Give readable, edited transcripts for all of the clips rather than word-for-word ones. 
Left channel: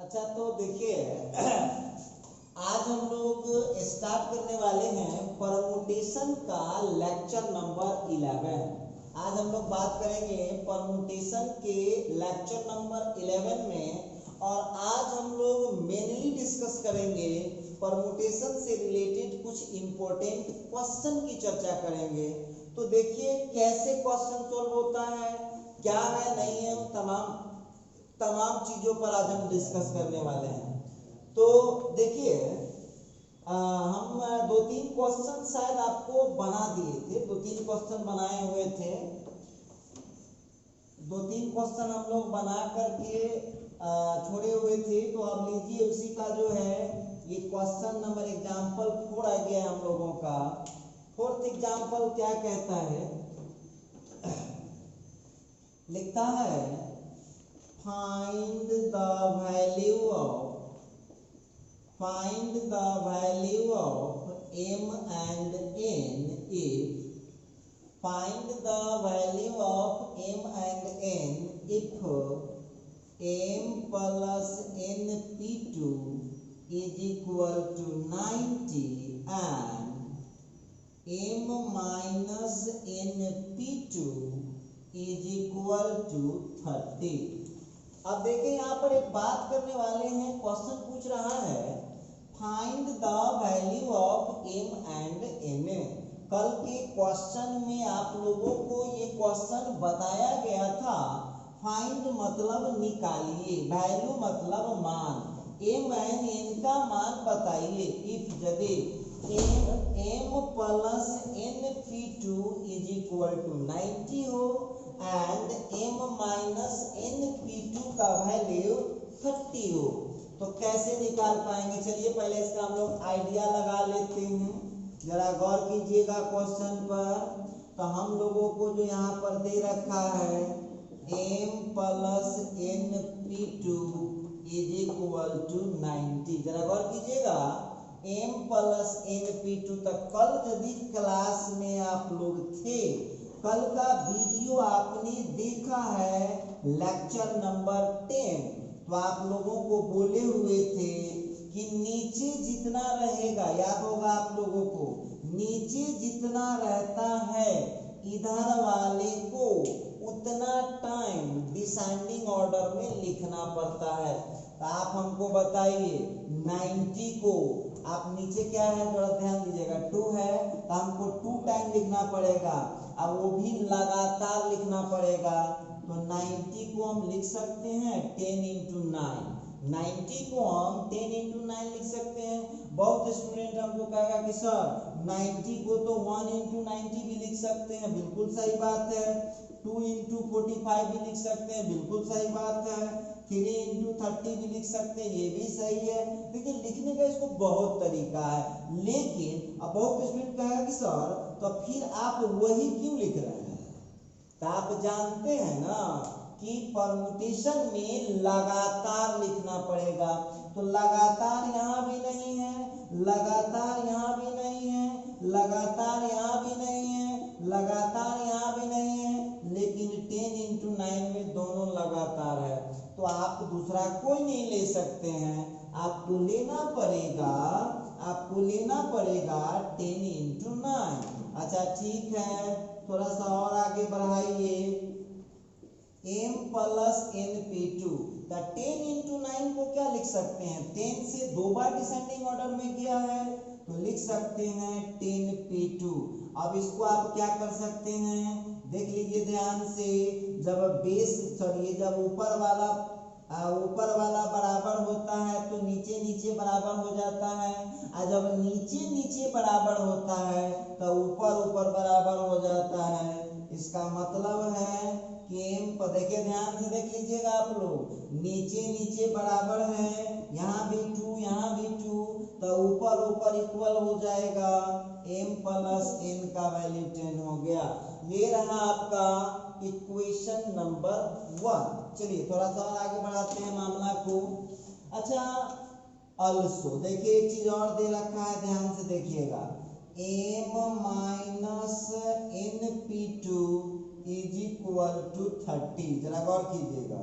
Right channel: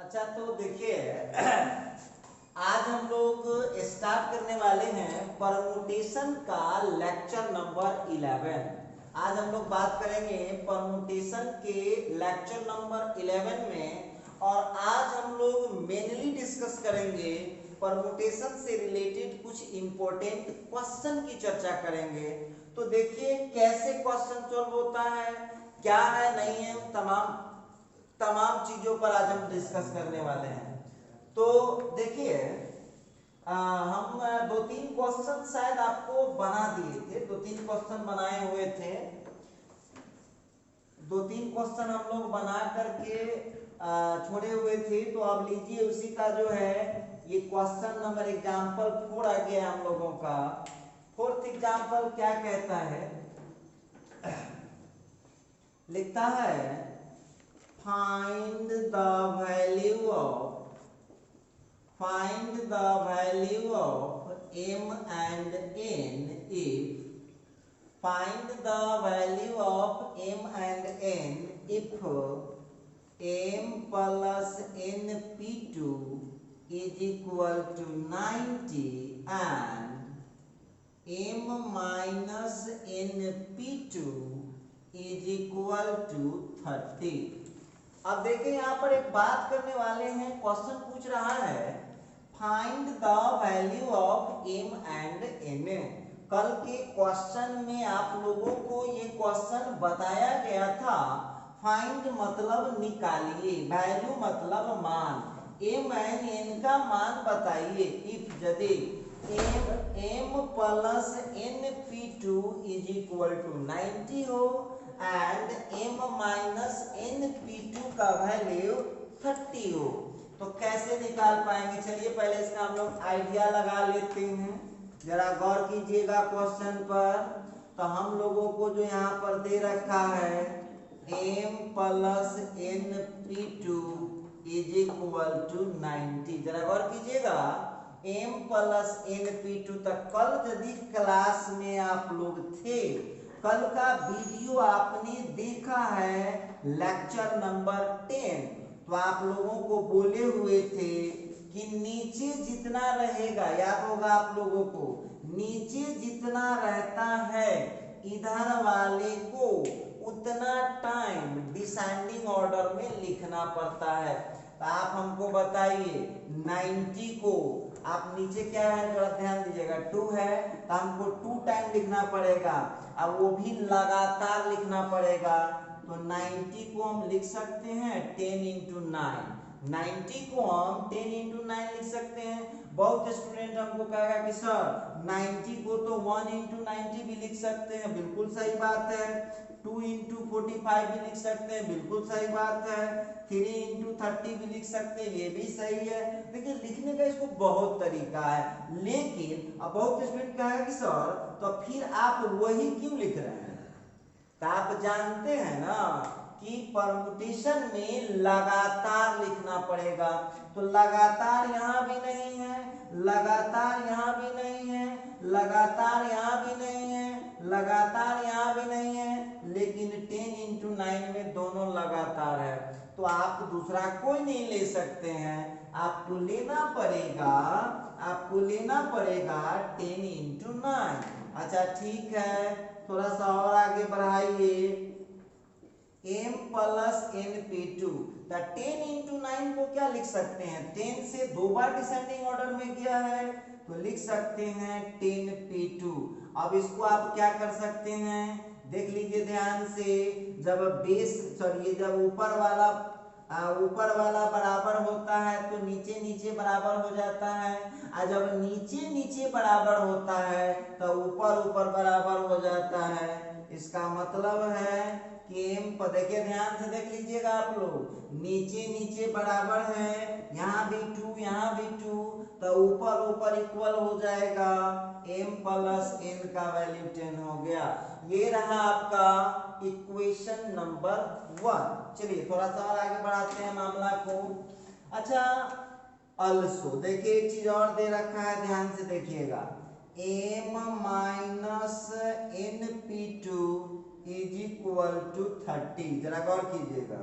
अच्छा तो देखिए आज हम लोग स्टार्ट करने वाले हैं परमुटेशन का लेक्चर नंबर 11। आज हम लोग बात करेंगे परमुटेशन के लेक्चर नंबर 11 में, और आज हम लोग मेनली डिस्कस करेंगे परमुटेशन से रिलेटेड कुछ इंपॉर्टेंट क्वेश्चन की चर्चा करेंगे। तो देखिए कैसे क्वेश्चन सॉल्व होता है, क्या है नहीं है, तमाम चीजों पर आज हम डिस्कस करने वाले हैं। तो देखिए हम दो तीन क्वेश्चन शायद आपको बना दिए थे, दो तीन क्वेश्चन बनाए हुए थे, दो तीन क्वेश्चन हम लोग बना करके छोड़े हुए थे। तो आप लीजिए उसी का जो है ये क्वेश्चन नंबर एग्जाम्पल 4 आ गया हम लोगों का। फोर्थ एग्जाम्पल क्या कहता है, लिखता है find the value of m and n if find the value of m and n if m plus np2 is equal to 90 and m minus np2 is equal to 30। अब देखिए यहाँ पर एक बात करने वाले हैं, क्वेश्चन पूछ रहा है find the value of m and n। कल के क्वेश्चन में आप लोगों को ये क्वेश्चन बताया गया था, फाइंड मतलब निकालिए, वैल्यू मतलब मान, m एंड n का मान बताइए। इफ यदि m plus np2 is equal to 90 हो एंड m माइनस np2 का वैल्यू 30 हो, तो कैसे निकाल पाएंगे। चलिए पहले इसका हम लोग आइडिया लगा लेते हैं, जरा गौर कीजिएगा क्वेश्चन पर। तो हम लोगों को जो यहाँ पर दे रखा है m plus np2 is equal to 90, जरा गौर कीजिएगा m प्लस np2 तक कल यदि क्लास में आप लोग थे, कल का वीडियो आपने देखा है लेक्चर नंबर 10, तो आप लोगों को बोले हुए थे कि नीचे जितना रहेगा, याद होगा आप लोगों को, नीचे जितना रहता है इधर वाले को उतना टाइम डिसेंडिंग ऑर्डर में लिखना पड़ता है। तो आप हमको बताइए 90 को आप नीचे क्या है जरा ध्यान दीजिएगा 2 है, तो हमको 2 टाइम लिखना पड़ेगा, अब वो भी लगातार लिखना पड़ेगा। तो 90 को हम लिख सकते हैं 10 इंटू 9, 90 को हम 10 इंटू 9 लिख सकते हैं। बहुत स्टूडेंट हमको कहेगा कि सर 90 को तो 1 इंटू 90 भी लिख सकते हैं, बिल्कुल सही बात है। 2 इंटू 45 भी लिख सकते हैं, बिल्कुल सही बात है। 3 इंटू 30 भी लिख सकते हैं, ये भी सही है। देखिए लिखने का इसको बहुत तरीका है, लेकिन अब बहुत स्टूडेंट कहेगा कि सर तो फिर आप वही क्यों लिख रहे हैं। तो आप जानते हैं ना कि परमुटेशन में लगातार लिखना पड़ेगा, तो लगातार यहाँ भी नहीं है, लगातार यहाँ भी नहीं है, लगातार यहाँ भी नहीं है, लगातार यहाँ भी नहीं है, लेकिन 10 इंटू 9 में दोनों लगातार है। तो आप दूसरा कोई नहीं ले सकते हैं, आपको लेना पड़ेगा, आपको लेना पड़ेगा 10 इंटू 9। अच्छा ठीक है, थोड़ा सा और आगे बढ़ाइए, m प्लस np2, 10 इंटू 9 को क्या लिख सकते हैं, 10 से 2 बार डिसेंडिंग ऑर्डर में गया है, तो लिख सकते हैं 10p2। अब इसको आप क्या कर सकते हैं, देख लीजिए ध्यान से, जब बेस सॉरी जब ऊपर वाला बराबर होता है तो नीचे नीचे बराबर हो जाता है, और जब नीचे नीचे बराबर होता है तो ऊपर ऊपर बराबर हो जाता है। इसका मतलब है कि m पर देखिए ध्यान से देख लीजिएगा आप लोग, नीचे नीचे बराबर है, यहाँ भी 2 यहाँ भी 2, तो ऊपर ऊपर इक्वल हो जाएगा, m प्लस n का वैल्यू 10 हो गया। ये रहा आपका इक्वेशन नंबर 1। चलिए थोड़ा सा और आगे बढ़ाते हैं मामला को। अच्छा अल्सो देखिए एक चीज और दे रखा है, ध्यान से देखिएगा, m minus np2 is equal to 30, जरा गौर कीजिएगा,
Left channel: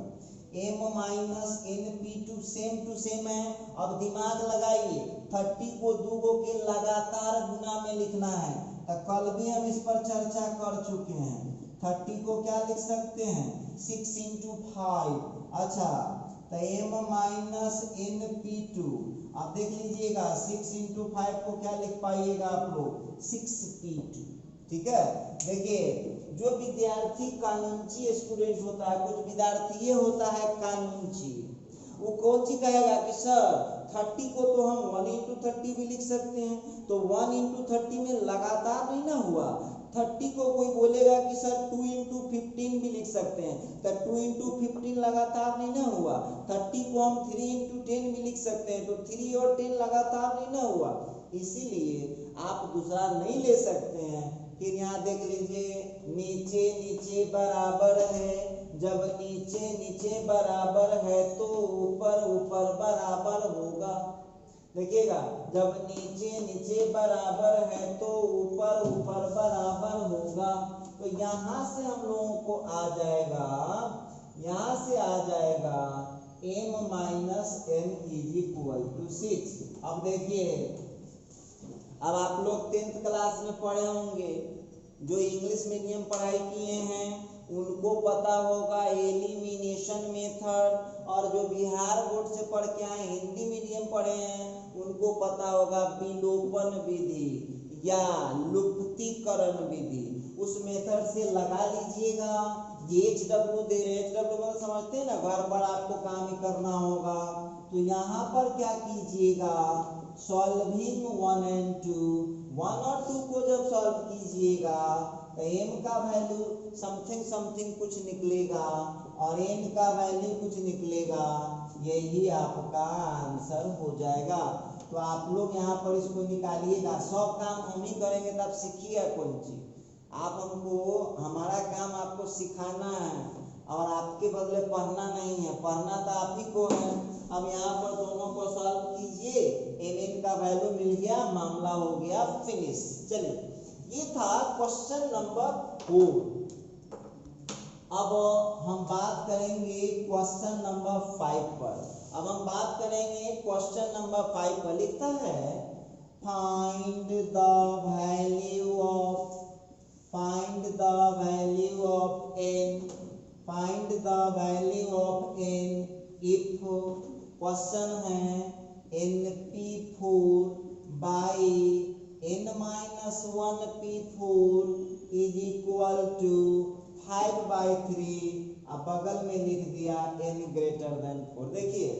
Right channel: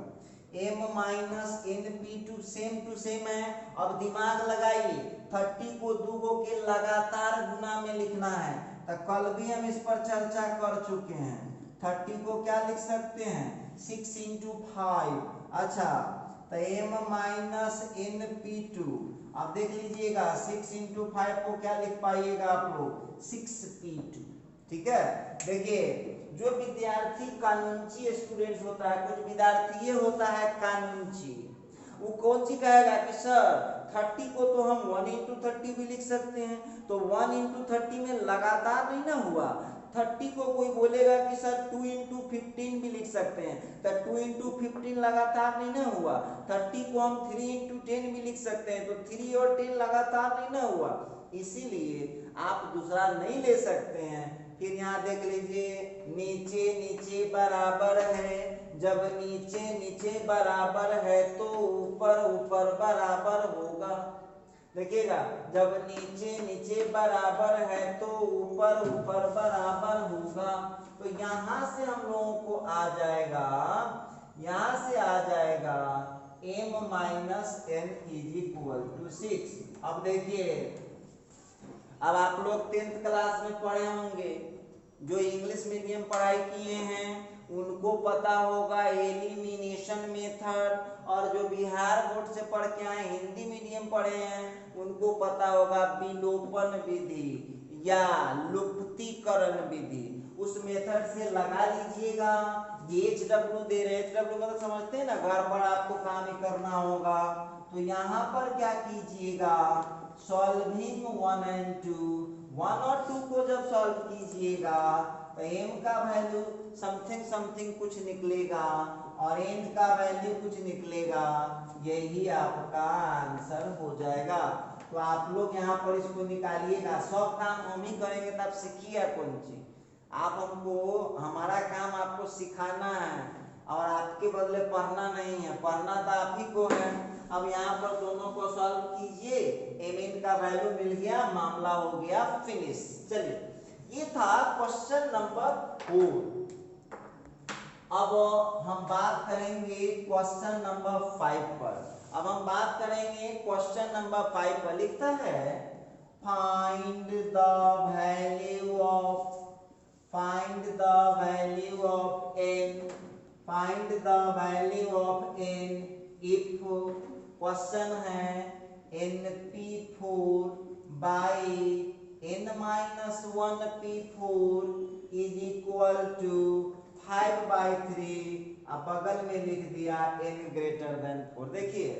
m minus np2 to same है। अब दिमाग लगाइए, 30 को 2 के लगातार गुना में लिखना है, तो कल भी हम इस पर चर्चा कर चुके हैं। 30 को क्या लिख सकते हैं, 6 × 5। अच्छा, तो m minus N P two, अब देख लीजिएगा 6 × 5 को क्या लिख पाइएगा आप लोग, 6p2। ठीक है, देखिए जो विद्यार्थी कानूनची स्टूडेंट होता है, कुछ विद्यार्थी ये होता है कानूनची, वो कौन सी कहेगा कि सर 30 को तो हम 1 × 30 भी लिख सकते हैं, तो 1 × 30 में लगातार नहीं ना हुआ। 30 को कोई बोलेगा कि सर 2 × 15 भी लिख सकते हैं, तो 2 × 15 लगातार नहीं ना हुआ। 30 को हम 3 × 10 भी लिख सकते हैं, तो 3 और 10 लगातार नहीं ना हुआ। इसीलिए आप दूसरा नहीं ले सकते हैं। फिर यहाँ देख लीजिए, नीचे नीचे बराबर है, जब नीचे नीचे बराबर है तो ऊपर ऊपर बराबर होगा। देखिएगा, जब नीचे नीचे बराबर है तो ऊपर ऊपर बराबर होगा। तो यहाँ से हम लोगों को आ जाएगा, यहाँ से आ जाएगा m माइनस n = 6। अब देखिए, अब आप लोग 10th क्लास में पढ़े होंगे, जो इंग्लिश मीडियम पढ़ाई किए हैं उनको पता होगा एलिमिनेशन मेथड, और जो बिहार बोर्ड से पढ़ के आए हिंदी मीडियम पढ़े हैं उनको पता होगा विलोपन विधि या लुप्तीकरण विधि। उस मेथड से लगा लीजिएगा। HW दे रहे, HW मतलब समझते हैं ना, घर पर आपको काम ही करना होगा। तो यहाँ पर क्या कीजिएगा, सॉल्विंग 1 और 2, 1 और 2 को जब सॉल्व कीजिएगा तो m का वैल्यू समथिंग समथिंग कुछ निकलेगा और n का वैल्यू कुछ निकलेगा, यही आपका आंसर हो जाएगा। तो आप लोग यहाँ पर इसको निकालिएगा। सब काम हम ही करेंगे, तब सीखिए कौन चीज। आप हमको, हमारा काम आपको सिखाना है और आपके बदले पढ़ना नहीं है, पढ़ना तो आप ही को है। अब यहाँ पर दोनों को सॉल्व कीजिए, mn का वैल्यू मिल गया, मामला हो गया फिनिश। चलिए, ये था क्वेश्चन नंबर 4। अब हम बात करेंगे क्वेश्चन नंबर 5 पर। अब हम बात करेंगे क्वेश्चन नंबर 5 पर। लिखता है find the value of n, find the value of n if, question है np4 by n-1 p4 = 5/3। अब बगल में लिख दिया n > 4। देखिए,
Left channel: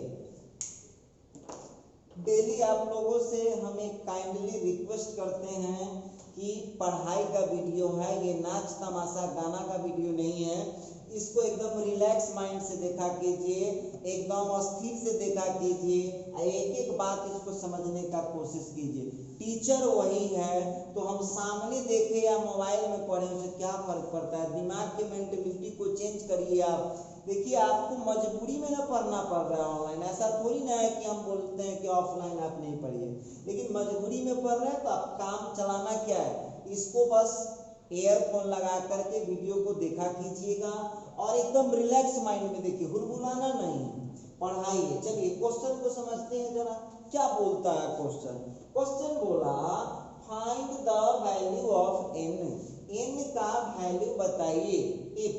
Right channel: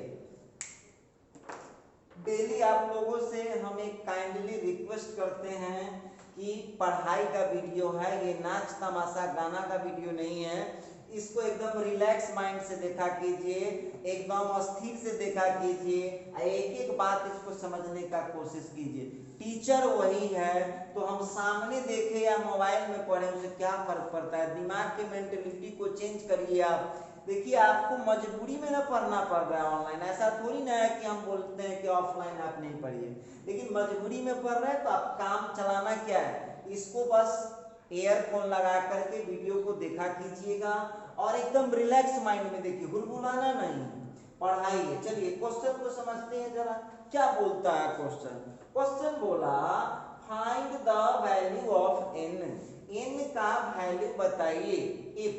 डेली आप लोगों से हम एक काइंडली रिक्वेस्ट करते हैं कि पढ़ाई का वीडियो है, ये नाच तमाशा गाना का वीडियो नहीं है। इसको एकदम रिलैक्स माइंड से देखा कीजिए, एकदम अस्थिर से देखा कीजिए, एक एक बात इसको समझने का कोशिश कीजिए। टीचर वही है, तो हम सामने देखे या मोबाइल में पढ़े, उसे क्या फर्क पड़ता है। दिमाग के मेंटेलिटी को चेंज करिए आप। देखिए, आपको मजबूरी में ना पढ़ना पड़ रहा है ऑनलाइन, ऐसा थोड़ी ना है कि हम बोलते हैं कि ऑफलाइन आप नहीं पढ़िए, लेकिन मजबूरी में पढ़ रहे हैं तो आप काम चलाना क्या है, इसको बस एयरफोन लगा करके वीडियो को देखा कीजिएगा और एकदम रिलैक्स माइंड में देखिए, हुरहुराना नहीं, पढ़ाइए। चलिए क्वेश्चन को समझते हैं जरा, क्या बोलता है क्वेश्चन। क्वेश्चन बोला find the value of n का वैल्यू बताइए इफ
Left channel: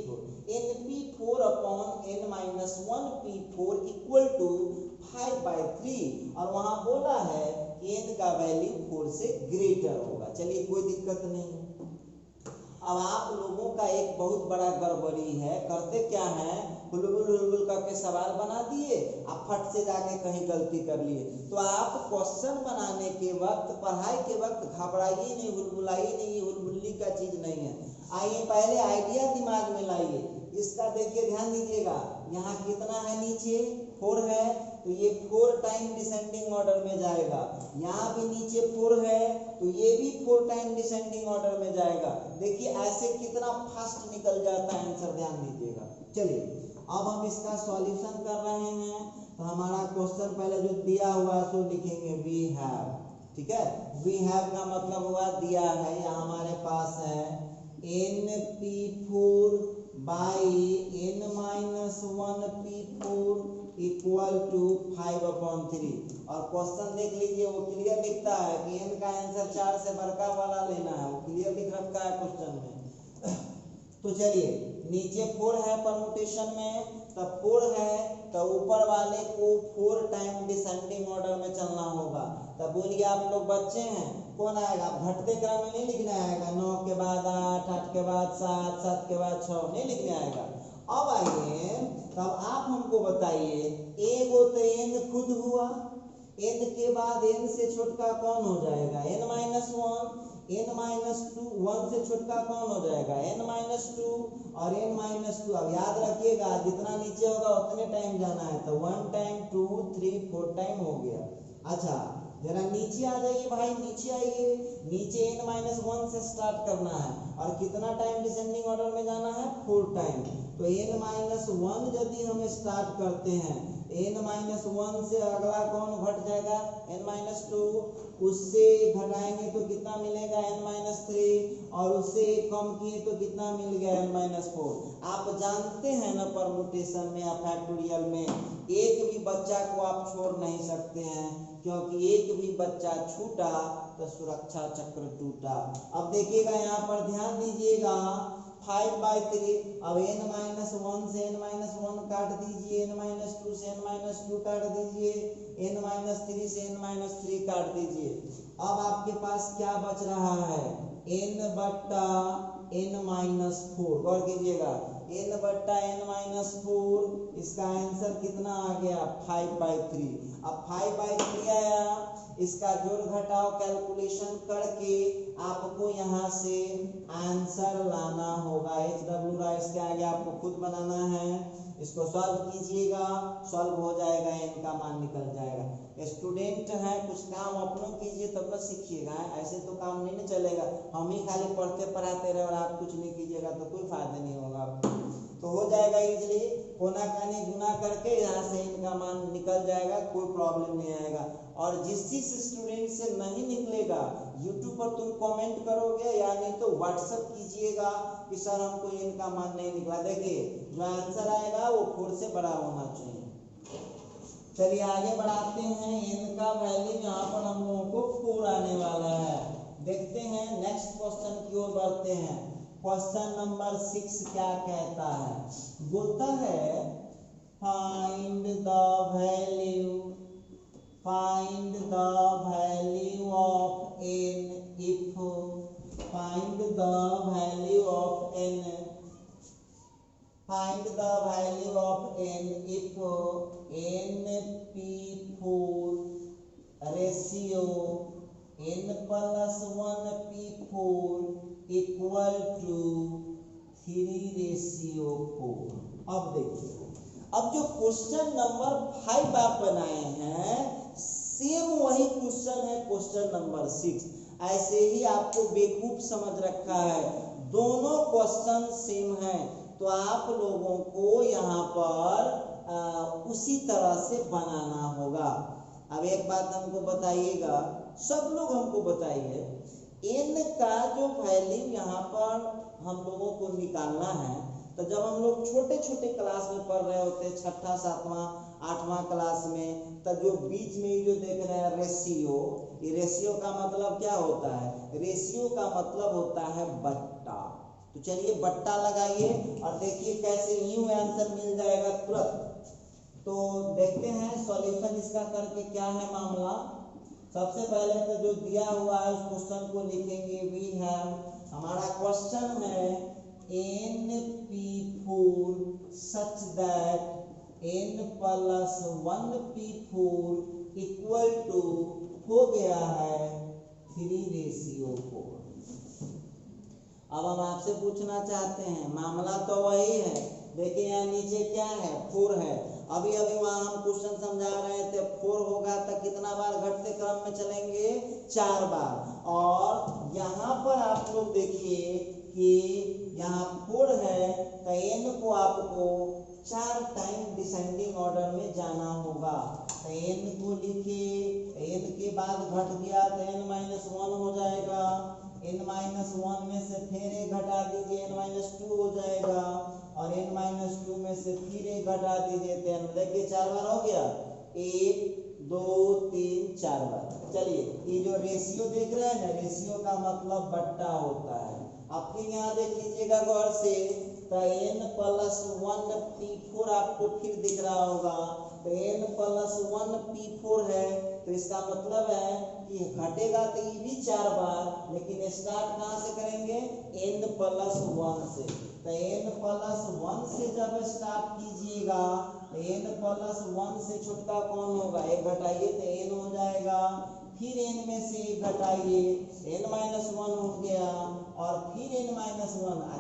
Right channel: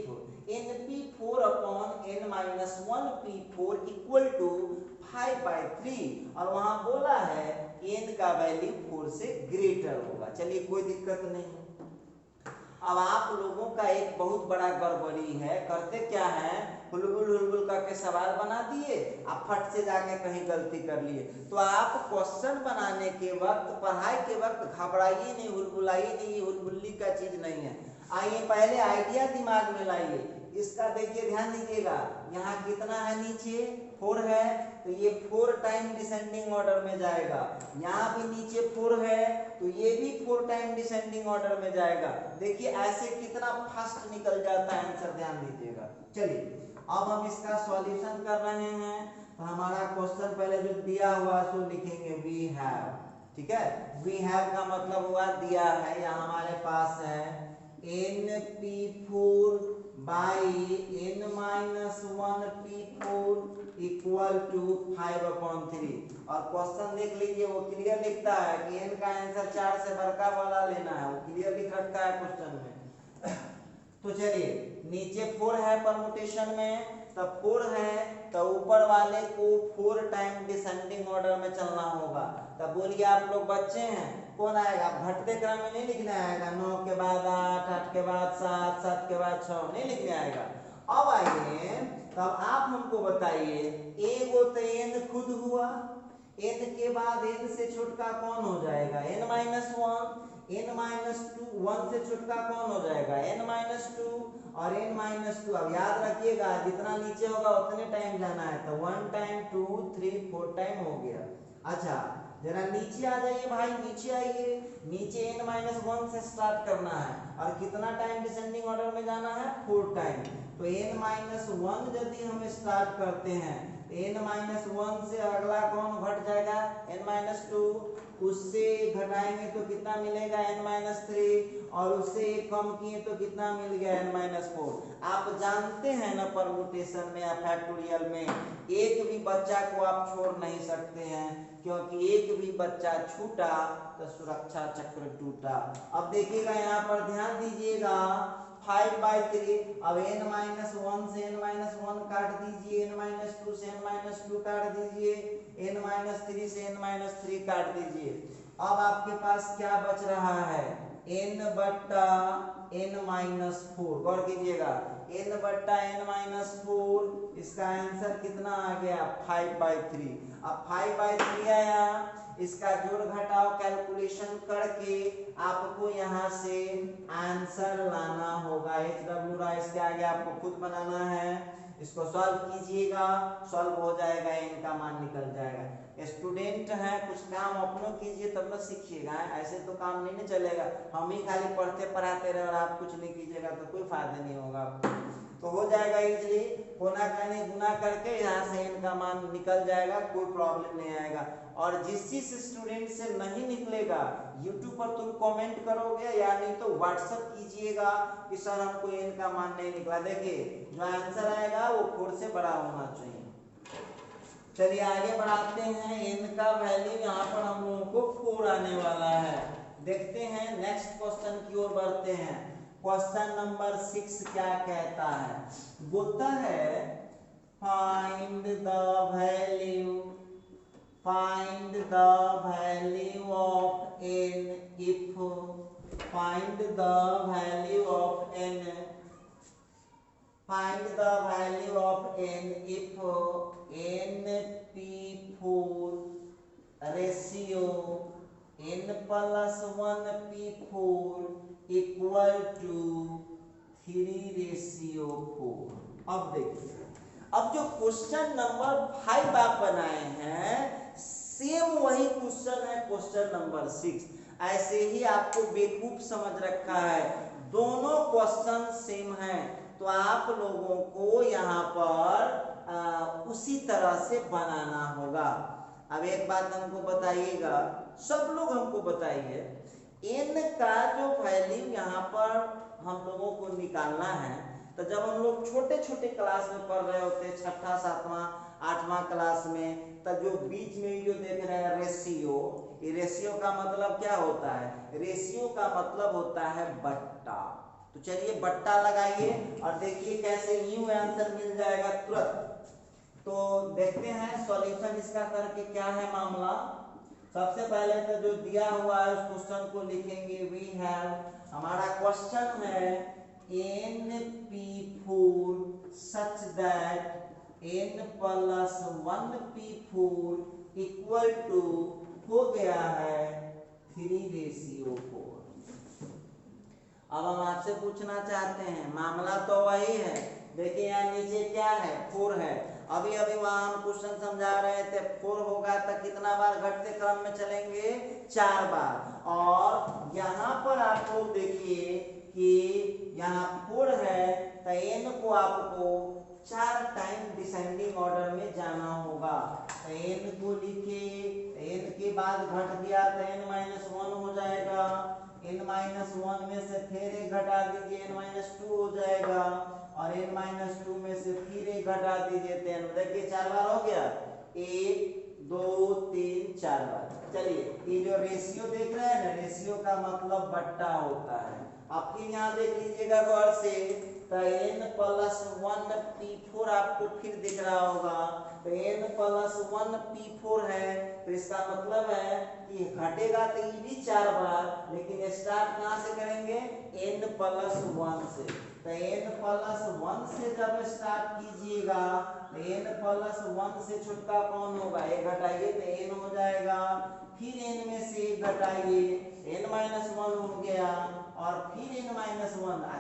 np4/n-1 p4 = 5/3, और वहां बोला है n का वैल्यू 4 से ग्रेटर होगा। चलिए, कोई दिक्कत नहीं। अब आप लोगों का एक बहुत बड़ा गड़बड़ी है, करते क्या है, हुलबुल करके सवाल बना दिए, आप फट से जाके कहीं गलती कर लिए। तो आप क्वेश्चन बनाने के वक्त, पढ़ाई के वक्त घबराइए नहीं, हुलबुलाइए नहीं, हुलबुल्ली का चीज नहीं है। आइए पहले आइडिया दिमाग में लाइए। इसका देखिए, ध्यान दीजिएगा, यहाँ कितना है, नीचे 4 है, तो ये 4 टाइम डिसेंडिंग ऑर्डर में जाएगा। यहाँ भी नीचे 4 है, तो ये भी 4 टाइम डिसेंडिंग ऑर्डर में जाएगा। देखिए ऐसे कितना फास्ट निकल जाता है आंसर, ध्यान दीजिएगा। चलिए, अब हम इसका सॉल्यूशन कर रहे हैं। तो हमारा क्वेश्चन पहले जो दिया हुआ सो लिखेंगे वी हैव। ठीक है, वी हैव का मतलब हुआ दिया है, या हमारे पास है np4 by n-1 p4 equal to 5/3। और क्वेश्चन देख लीजिए, वो क्लियर लिखता है कि n का आंसर 4 से बड़का वाला लेना है, वो क्लियर लिख रखा है क्वेश्चन में। तो चलिए, नीचे 4 है परमुटेशन में, तब 4 है तो ऊपर वाले को 4 टाइम डिसेंडिंग ऑर्डर में चलना होगा। तब बोलिए आप लोग बच्चे हैं, कौन आएगा? भटते क्रम में नहीं लिखने आएगा, 9 के बाद 8, 8 के बाद 7, 7 के बाद 6 नहीं लिखने आएगा। अब आइए, तब आप हमको बताइए, एगो तो n खुद हुआ, n के बाद n से छोटका कौन हो जाएगा? n-1, n-2, 1 से छोटका कौन हो जाएगा? n-2 और n-2। अब याद रखिएगा, जितना नीचे होगा उतने टाइम जाना है, तो 1 टाइम 2 3 4 टाइम हो गया। अच्छा, जरा नीचे आ जाइए भाई, नीचे आइए। नीचे n-1 से स्टार्ट करना है और कितना टाइम डिसेंडिंग ऑर्डर में जाना है? 4 टाइम। तो n-1 यदि हम स्टार्ट करते हैं, n-1 से अगला कौन घट जाएगा? n-2। उससे घटाएंगे तो कितना मिलेगा? n-3। और उससे एक कम किए तो कितना मिल गया? n-4। आप जानते हैं ना, परमुटेशन में या फैक्टोरियल में एक भी बच्चा को आप छोड़ नहीं सकते हैं, क्योंकि एक भी बच्चा छूटा तो सुरक्षा चक्र टूटा। अब देखिएगा, यहाँ पर ध्यान दीजिएगा, 5/3। अब n-1 से n-1 काट दीजिए, n-2 से n-2 काट दीजिए, n-3 से n-3 काट दीजिए। अब आपके पास क्या बच रहा है? n/n-4। गौर कीजिएगा, n/n-4, इसका आंसर कितना आ गया? 5/3। अब 5/3 आया, इसका जोड़ घटाव कैलकुलेशन करके आपको यहाँ से आंसर लाना होगा। HW इसके आगे आपको खुद बनाना है, इसको सॉल्व कीजिएगा, सॉल्व हो जाएगा, इनका मान निकल जाएगा। स्टूडेंट हैं, कुछ काम अपनों कीजिए तब न सीखिएगा, ऐसे तो काम नहीं चलेगा। हम ही खाली पढ़ते पढ़ाते रहे और आप कुछ नहीं कीजिएगा तो कोई फायदा नहीं होगा आपको। तो हो जाएगा इजीली, कोना कानी गुना करके यहाँ से इनका मान निकल जाएगा, कोई प्रॉब्लम नहीं आएगा। और जिस स्टूडेंट से नहीं निकलेगा, यूट्यूब पर तुम कमेंट करोगे या नहीं तो व्हाट्सएप कीजिएगा कि सर हमको इनका मान नहीं निकला। देखिए, जो आंसर आएगा वो 4 से बड़ा होना चाहिए। चलिए आगे बढ़ाते हैं, इनका वैल्यू यहाँ पर हम लोगों को 4 आने वाला है। देखते हैं नेक्स्ट क्वेश्चन की ओर बढ़ते हैं। क्वेश्चन नंबर 6 क्या कहता है? बोलता है find the value of n if find the value of n if np4 ratio n+1p4 equal to 3:4। अब देखिए, अब जो क्वेश्चन नंबर 5 आप बनाए हैं, सेम वही क्वेश्चन है क्वेश्चन नंबर 6। ऐसे ही आपको बेवकूफ समझ रखा है, दोनों क्वेश्चन सेम हैं, तो आप लोगों को यहाँ पर उसी तरह से बनाना होगा। अब एक बात हमको बताइएगा, सब लोग हमको बताइए, n का जो वैल्यू यहाँ पर हम लोगों को निकालना है, तो जब हम लोग छोटे छोटे क्लास में पढ़ रहे होते हैं, 6ठा 7वां 8वां क्लास में, तब जो बीच में जो देख रहे हैं रेशियो, ये रेशियो का मतलब क्या होता है? रेशियो का मतलब होता है बट्टा। तो चलिए बट्टा लगाइए और देखिए कैसे यूं आंसर मिल जाएगा तुरंत। तो देखते हैं सॉल्यूशन इसका करके क्या है मामला। सबसे पहले तो जो दिया हुआ है उस क्वेश्चन को लिखेंगे। वी हैव, हमारा क्वेश्चन है np4 such that n+1p4 equal to हो गया है 3:4। अब हम आपसे पूछना चाहते हैं, मामला तो वही है, देखिए यहाँ नीचे क्या है? 4 है। अभी वहाँ हम क्वेश्चन समझा रहे थे, 4 होगा तो कितना बार घटते क्रम में चलेंगे? 4 बार। और यहाँ पर आप लोग देखिए कि यहाँ 4 है तो n को आपको 4 टाइम डिसेंडिंग ऑर्डर में जाना होगा। तो n को लिखिए, n के बाद घट गया तो n-1 हो जाएगा, n-1 में से फिर एक घटा दीजिए, n-2 हो जाएगा, और n-2 में से फिर 1 घटा दीजिए तो n, देखिए 4 बार हो गया, 1 2 3 4 बार। चलिए ये जो रेशियो देख रहे हैं ना, रेशियो का मतलब बट्टा होता है। अब फिर यहाँ देख लीजिएगा गौर से, तो n+1 p4 आपको फिर दिख रहा होगा, तो n+1 p4 है, तो इसका मतलब है कि घटेगा तो ये भी 4 बार, लेकिन स्टार्ट कहाँ से करेंगे, n+1 से। तो n+1 से जब स्टार्ट कीजिएगा तो n+1 से छुटका कौन होगा, 1 घटाइए तो n हो जाएगा, फिर n में से 1 घटाइए, n-1 हो गया, और फिर n-1,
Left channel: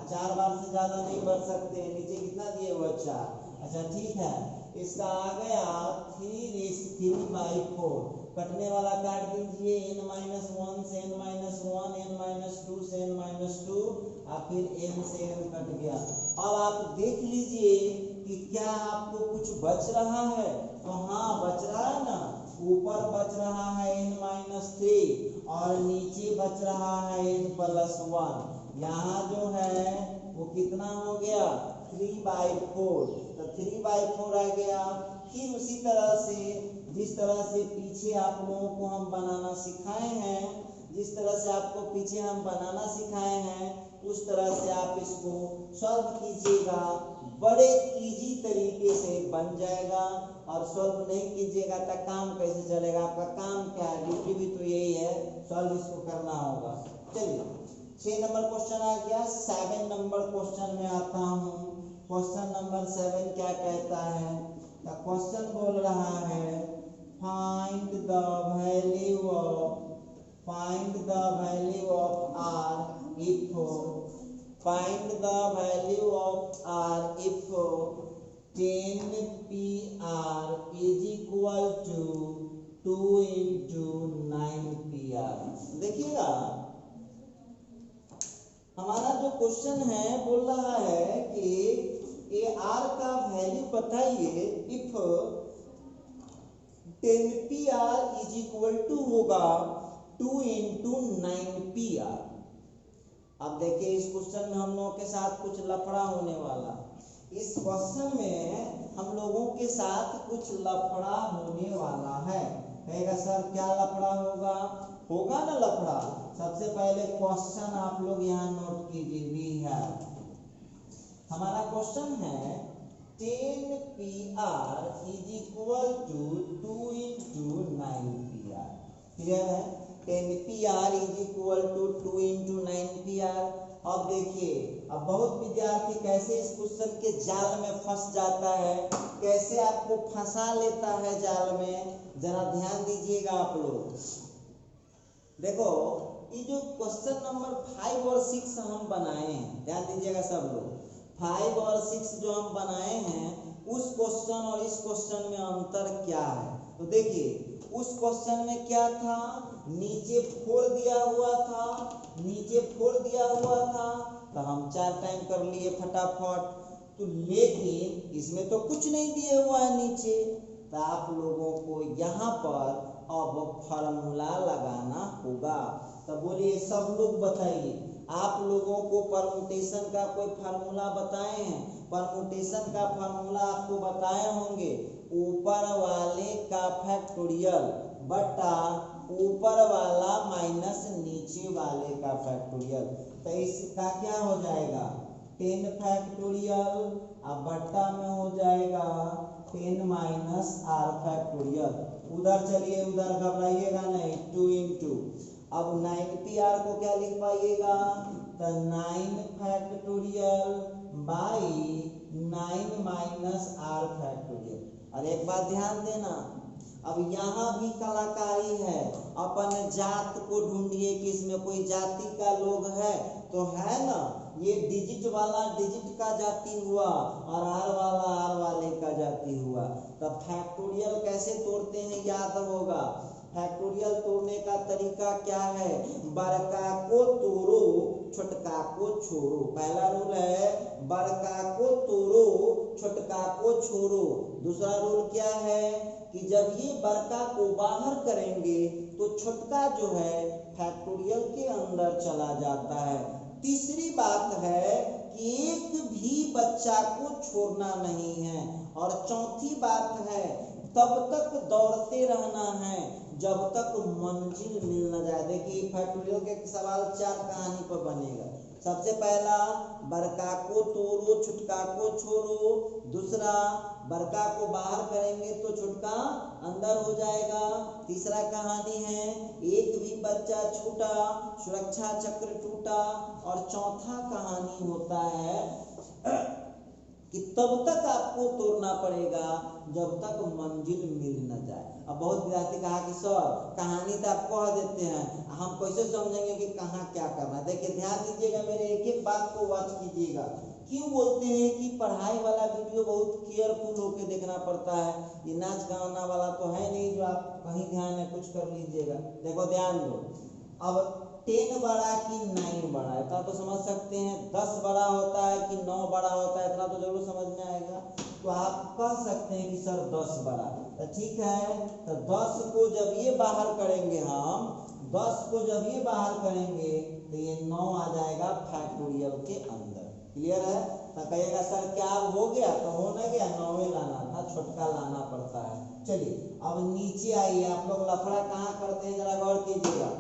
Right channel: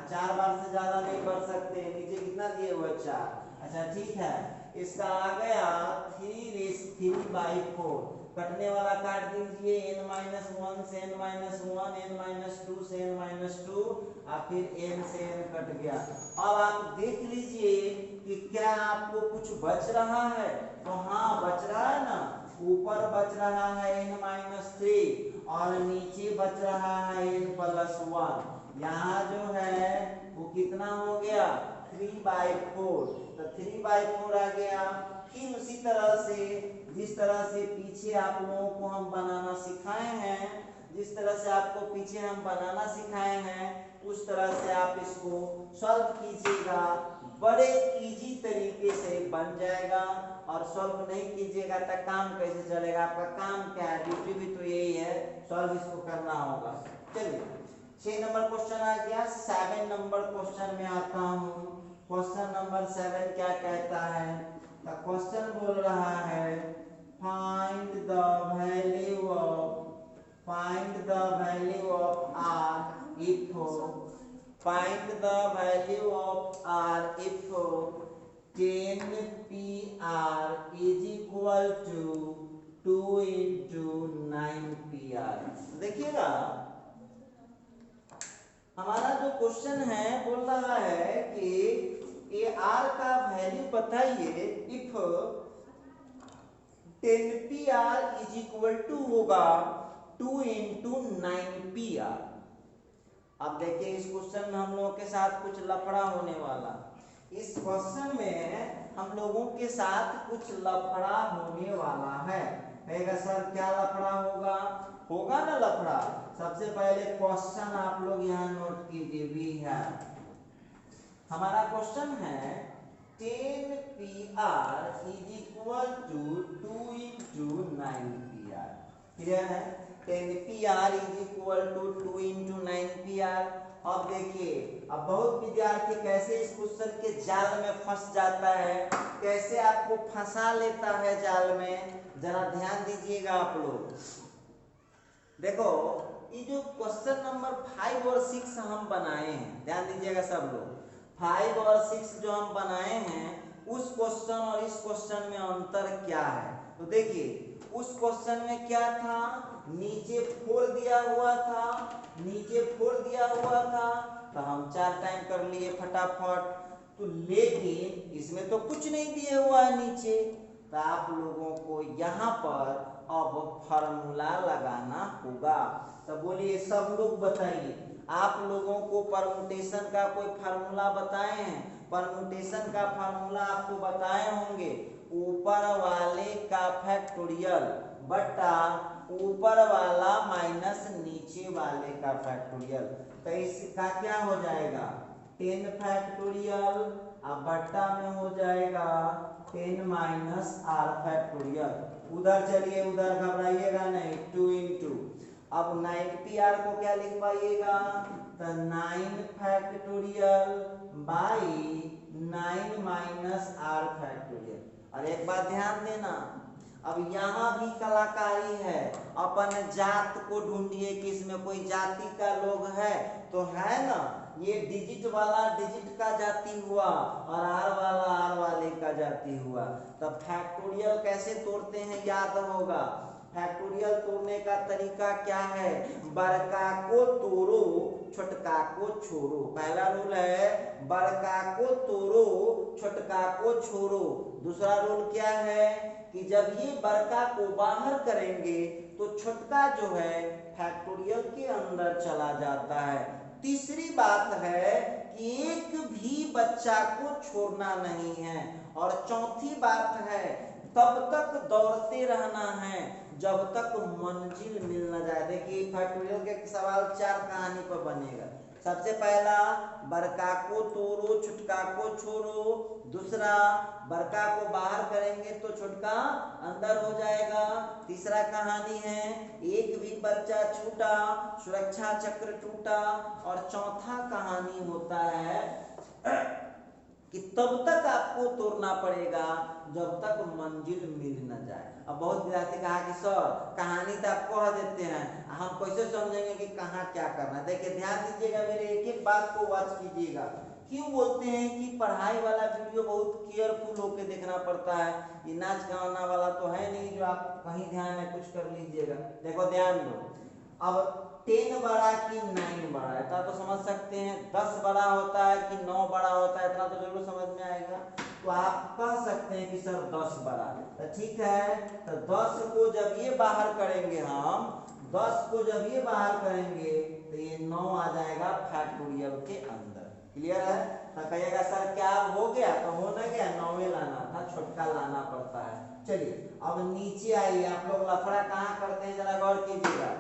4 बार से ज्यादा नहीं बढ़ सकते, नीचे कितना दिए हुआ 4। अच्छा ठीक है, इसका आ गया 3/4, कटने वाला काट दीजिए, n-1 से n-1, n-2 से n-2, और फिर n से n कट गया। अब आप देख लीजिए कि क्या आपको कुछ बच रहा है, तो हाँ बच रहा है ना, ऊपर बच रहा है n-3 और नीचे बच रहा है n+1। यहाँ जो है वो कितना हो गया, 3/4, तो 3/4 आ गया। फिर उसी तरह से जिस तरह से पीछे आप लोगों को हम बनाना सिखाए हैं, जिस तरह से आपको पीछे हम बनाना सिखाए हैं, उस तरह से आप इसको सॉल्व कीजिएगा, बड़े इजी तरीके से बन जाएगा। और सॉल्व नहीं कीजिएगा तो काम कैसे चलेगा, आपका काम क्या है, ड्यूटी भी तो यही है, सॉल्व इसको करना होगा। चलिए 6 नंबर क्वेश्चन आ गया। 7 नंबर क्वेश्चन में आता हूँ। क्वेश्चन नंबर 7 क्या कहता है, तो क्वेश्चन बोल रहा है find the value of r if find the value of r if 10pr is equal to 2 into 9pr। देखिएगा हमारा जो क्वेश्चन है बोल रहा है कि ये r का वैल्यू बताइए if 10pr is equal to होगा 2 into 9pr। अब देखिए इस क्वेश्चन में हम लोगों के साथ कुछ लफड़ा होने वाला, इस क्वेश्चन में हम लोगों के साथ कुछ लफड़ा होने वाला है। कहेगा सर क्या लफड़ा होगा, होगा ना लफड़ा। सबसे पहले क्वेश्चन आप लोग यहाँ नोट कीजिए, वी है हमारा क्वेश्चन है 10pr is equal to 2 into 9pr। Clear है, 10pr is equal to 2 into 9pr। अब देखिए अब बहुत विद्यार्थी कैसे इस क्वेश्चन के जाल में फंस जाता है, कैसे आपको फंसा लेता है जाल में, जरा ध्यान दीजिएगा आप लोग। देखो ये जो क्वेश्चन नंबर 5 और 6 हम बनाए हैं, ध्यान दीजिएगा सब लोग, 5 और 6 जो हम बनाए हैं उस क्वेश्चन और इस क्वेश्चन में अंतर क्या है। तो देखिए उस क्वेश्चन में क्या था, नीचे 4 दिया हुआ था, नीचे 4 दिया हुआ था, तो हम 4 टाइम कर लिए फटाफट। तो लेकिन इसमें तो कुछ नहीं दिया हुआ है नीचे, तो आप लोगों को यहाँ पर अब फार्मूला लगाना होगा। तो बोलिए सब लोग बताइए, आप लोगों को परमुटेशन का कोई फार्मूला बताए हैं, परमुटेशन का फार्मूला आपको बताए होंगे, ऊपर वाले का फैक्टोरियल बटा ऊपर वाला माइनस नीचे वाले का फैक्टोरियल। तो इसका क्या हो जाएगा 10 फैक्टोरियल, अब बट्टा में हो जाएगा 10 माइनस r फैक्टोरियल। उधर चलिए उधर घबराइएगा नहीं, 2 into, अब 9pr को क्या लिख पाइएगा, तो 9 factorial by 9 minus r factorial. और एक बात ध्यान देना, अब यहाँ भी कलाकारी है, अपन जात को ढूंढिए कि इसमें कोई जाति का लोग है तो है ना, ये डिजिट वाला डिजिट का जाति हुआ और आर वाला आर वाले का जाति हुआ। तब फैक्टोरियल कैसे तोड़ते हैं याद होगा, फैक्टोरियल तोड़ने का तरीका क्या है, बड़का को तोड़ो छोटका को छोड़ो। पहला रूल है बड़का को तोड़ो छोटका को छोड़ो। दूसरा रूल क्या है कि जब ये बड़का को बाहर करेंगे तो छोटका जो है फैक्टोरियल के अंदर चला जाता है। तीसरी बात है कि एक भी बच्चा को छोड़ना नहीं है। और चौथी बात है तब तक दौड़ते रहना है जब तक मंजिल मिल न जाए। देखिए फैक्टोरियल के सवाल 4 कहानी पर बनेगा। सबसे पहला बड़का को तोड़ो छुटका को छोड़ो। दूसरा बड़का को बाहर करेंगे तो छुटका अंदर हो जाएगा। तीसरा कहानी है एक भी बच्चा छूटा सुरक्षा चक्र टूटा। और चौथा कहानी होता है कि तब तक आपको तोड़ना पड़ेगा जब तक मंजिल मिल न जाए। अब बहुत विद्यार्थी कहा कि सर कहानी तो आप कह देते हैं, हम कैसे समझेंगे कि कहाँ क्या करना है। देखिए ध्यान दीजिएगा, मेरे एक एक बात को वॉच कीजिएगा। क्यों बोलते हैं कि पढ़ाई वाला वीडियो बहुत केयरफुल होकर देखना पड़ता है। ये नाच गाना वाला तो है नहीं जो आप कहीं ध्यान है कुछ कर लीजिएगा। देखो ध्यान दो, अब 10 बड़ा कि 9 बड़ा है, इतना तो समझ सकते हैं। 10 बड़ा होता है कि 9 बड़ा होता है, इतना तो जरूर समझ में आएगा। तो आप कह सकते हैं कि सर 10 बड़ा है, तो ठीक है। तो 10 को जब ये बाहर करेंगे, हम 10 को जब ये बाहर करेंगे तो ये 9 आ जाएगा फैक्टोरियल के अंदर। क्लियर है? तो कहिएगा सर क्या अब हो गया? तो हो ना गया, 9 लाना था, छोटका लाना पड़ता है। चलिए अब नीचे आइए। आप लोग लफड़ा कहाँ करते हैं जरा गौर कीजिएगा।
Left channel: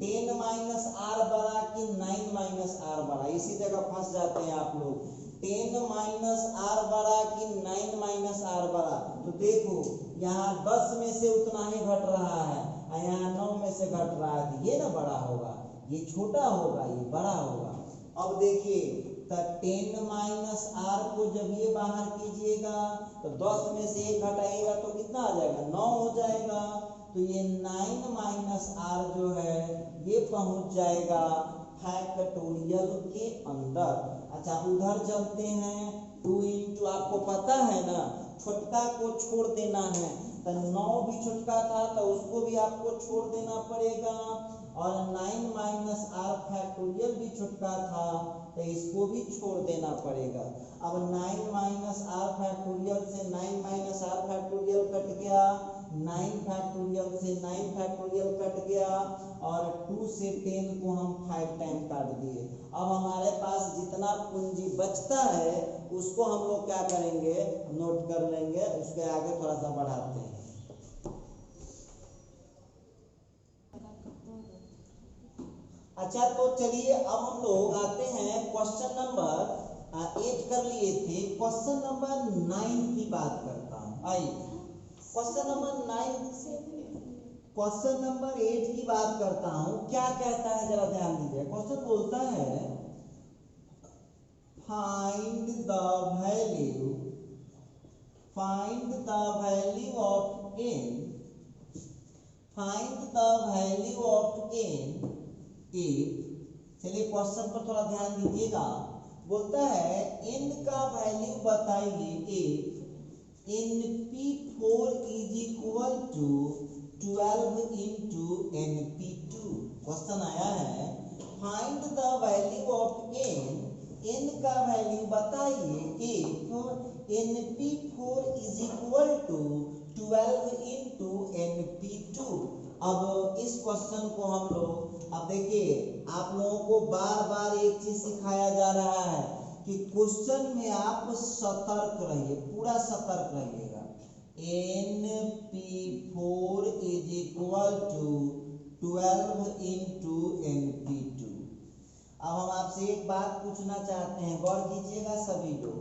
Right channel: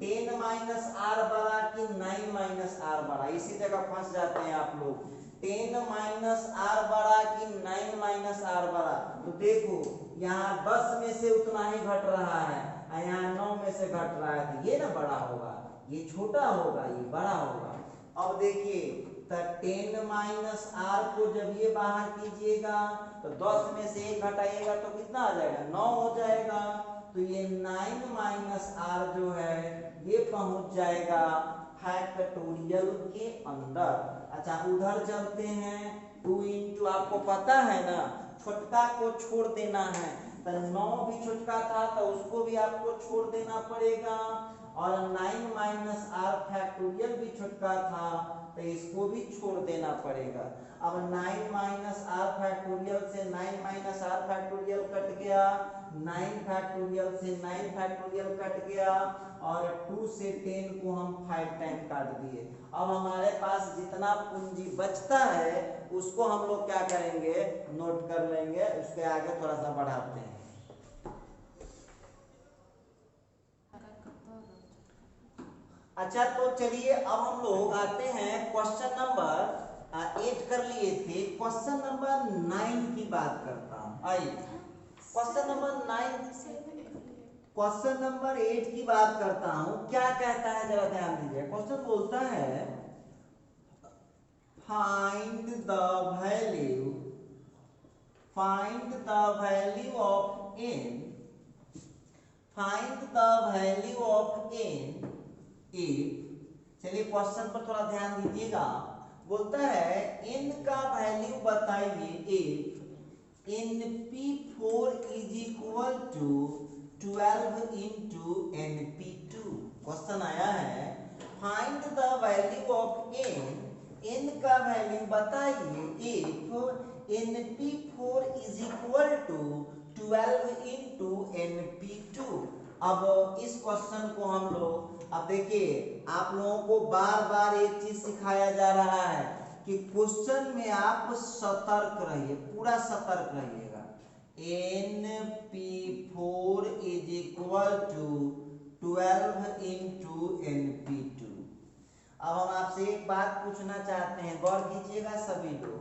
10 माइनस आर बड़ा कि 9 माइनस आर बड़ा, इसी जगह फंस जाते हैं आप लोग। 10 माइनस आर बड़ा कि 9 माइनस आर बड़ा। तो देखो यहाँ 10 में से उतना ही घट रहा है और यहाँ 9 में से घट रहा है, तो ये ना बड़ा होगा, ये छोटा होगा, ये बड़ा होगा। अब देखिए तो 10 माइनस आर को जब ये बाहर कीजिएगा तो 10 में से 1 घटाइएगा तो कितना आ जाएगा? 9 हो जाएगा। तो ये 9 माइनस आर जो है ये पहुंच जाएगा फैक्टोरियल के अंदर। अच्छा उधर चलते हैं। 2 इंटू, आपको पता है ना छोटका को छोड़ देना है, तो 9 भी छोटका था तो उसको भी आपको छोड़ देना पड़ेगा। और 9 माइनस आर फैक्टोरियल भी छोटका था तो इसको भी छोड़ देना पड़ेगा। अब 9 माइनस आर फैक्टोरियल से 9 माइनस आर फैक्टोरियल कट गया, 9 फैक्टोरियल से 9 फैक्टोरियल कट गया और 2 से 10 को हम 5 टाइम काट दिए। अब हमारे पास जितना पूंजी बचता है उसको हम लोग क्या करेंगे? नोट कर लेंगे, उसके आगे थोड़ा सा बढ़ाते हैं। अच्छा तो चलिए अब हम लोग आते हैं क्वेश्चन नंबर 8 कर लिए थे, क्वेश्चन नंबर 9 की बात करता हूं। आइए क्वेश्चन नंबर 8 की बात करता हूं। क्या कहता है जरा ध्यान दीजिए। क्वेश्चन बोलता है find the value of n, find the value of n if. चलिए क्वेश्चन पर थोड़ा ध्यान दीजिएगा। बोलता है n का वैल्यू बताइए if np4 is equal to 12 into np2। Question आया है find the value of n का वैल्यू बताइए if np4 is equal to 12 into np2। अब इस क्वेश्चन को हम लोग, अब देखिए आप लोगों को बार बार एक चीज सिखाया जा रहा है कि क्वेश्चन में आप सतर्क रहिए, पूरा सतर्क रहिएगा। np4 is equal to 12 into np2। अब हम आपसे एक बात पूछना चाहते हैं, गौर कीजिएगा सभी लोग।